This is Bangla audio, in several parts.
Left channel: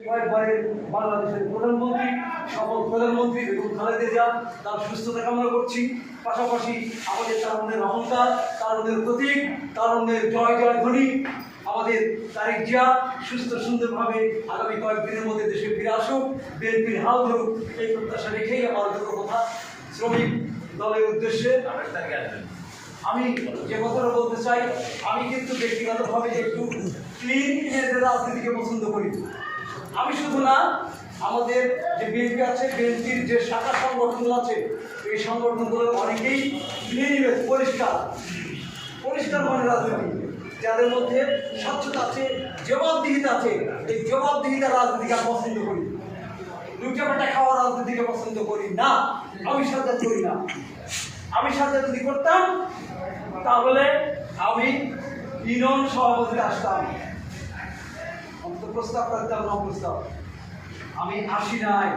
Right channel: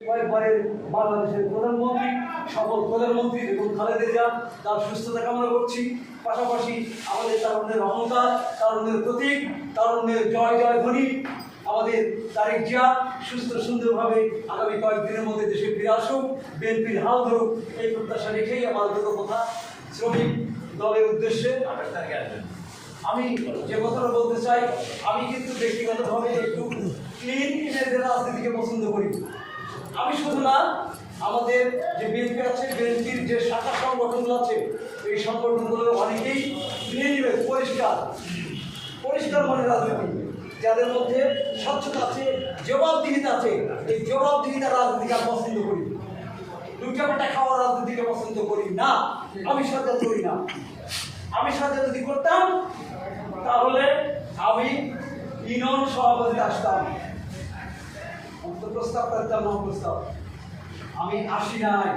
বাংলাদেশের প্রধানমন্ত্রী সকল প্রধানমন্ত্রী বেগম খালেদা জিয়া তার সুস্থতা কামনা করছি। পাশাপাশি আমাদের তারুণ্যের অহংকার তারুণ্যের প্রতীক তারুণ্যের জয় জয় ধ্বনি আমাদের তারিক জিয়া সুস্থ সুন্দরভাবে আগামী কয়েকদিনের মধ্যে দেশে ফিরে আসুক বিএনপির হাল ধরুক এই প্রত্যাশা রেখেই আমার দুটো কথা। শ্রমিক দলের উদ্দেশ্যে আঠাশ তারিখে আসবেন। আমি যে কথাটা বলতে চাই আমি কিন্তু ব্যক্তিগতভাবে একটু ক্লিন রাজনীতিকে পছন্দ করি। আমি শুধু না, আমাদের যে বিএনপি আছে, বিএনপির যে শাখা সংগঠনগুলো আছে, এই সংগঠনগুলোর অনেকেই ক্লিন ইমেজ পরিষ্কার। পরিষ্কার মানে রাজনীতি। যাদের মধ্যে স্বচ্ছতা আছে, জবাবদিহিতা আছে, এই জবাবদিহিতা রাজনীতিকে পছন্দ করি। লুটাপাটা খাওয়া রাজনীতিকে পছন্দ করি না, আমি সাথে করি না। আমি সাথে যদি করতাম, তাহলে আমি ইউনিয়ন সভাপতিতে আসতাম। প্রস্তাব করতাম না প্রস্তাব। আমি আসি নাই।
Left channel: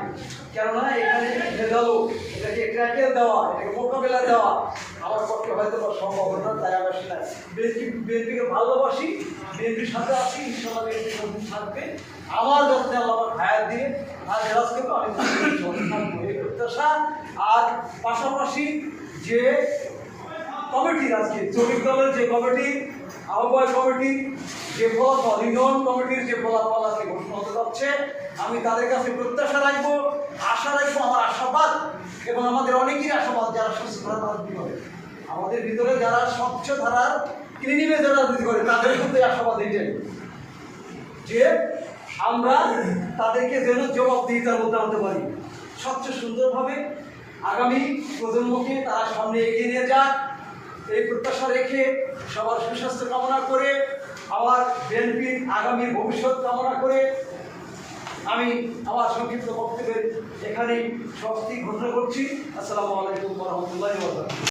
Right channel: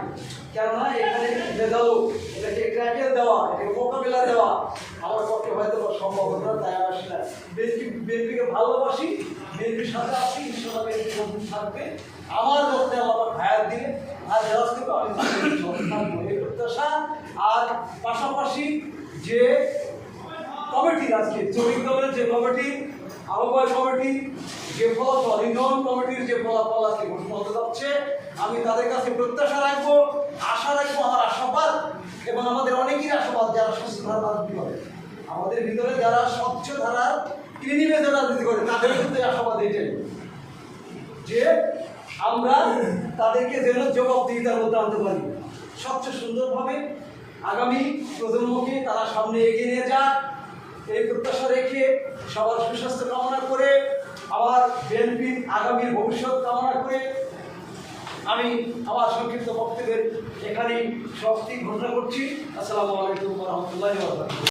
কেননা এখানে ভেজালো এটাকে ক্র্যাকের দেওয়া? এটাকে মোকাবিলা দেওয়া। আমার পক্ষে হয়তো সম্ভব না, তাই আসি না বিএনপি, বিএনপিকে ভালোবাসি, বিএনপির সাথে আছি ইনশাল্লাহ বিএনপি যখন থাকবে। আমার যখন আল্লাহ ভাইয়ের দিয়ে আর করব আমি প্রত্যাশা। আর পাশাপাশি যে কমিটির আজকে, শ্রমিক দলের যে কমিটি, আহ্বায়ক কমিটি, যে ফলাফল ইউনিয়ন কমিটির যে ফলাফল আজকে ঘোষণা হতে যাচ্ছে, আমি তাদের কাছে প্রত্যাশা রাখব, আশা রাখব, আমার আশাবাদ, এবং আমাদের অনেকেরই আশাবাদ যারা সুস্থ ধারা রাজনীতি করে। আমাদের ভিতরে যারা স্বচ্ছ ধারা ক্লিনিমেজে রাজনীতি করে, তাদের কিন্তু আশাবাদ এটাই। যে আমরা তাদেরকে যেন জবাবদিহিতার মধ্যে আনতে পারি। স্বচ্ছ সুন্দরভাবে আগামী প্রজন্মকে তারা সামনে এগিয়ে নিয়ে যাক এই প্রত্যাশা রেখে সবার সুস্বাস্থ্য কামনা করে, আবার বিএনপির আগামী ভবিষ্যৎ কামনা করে আমি আমার সংক্ষিপ্ত বক্তব্যের এখানেই সমাপ্তি ঘোষণা করছি। আসসালামু আলাইকুম রহমতুল্লাহ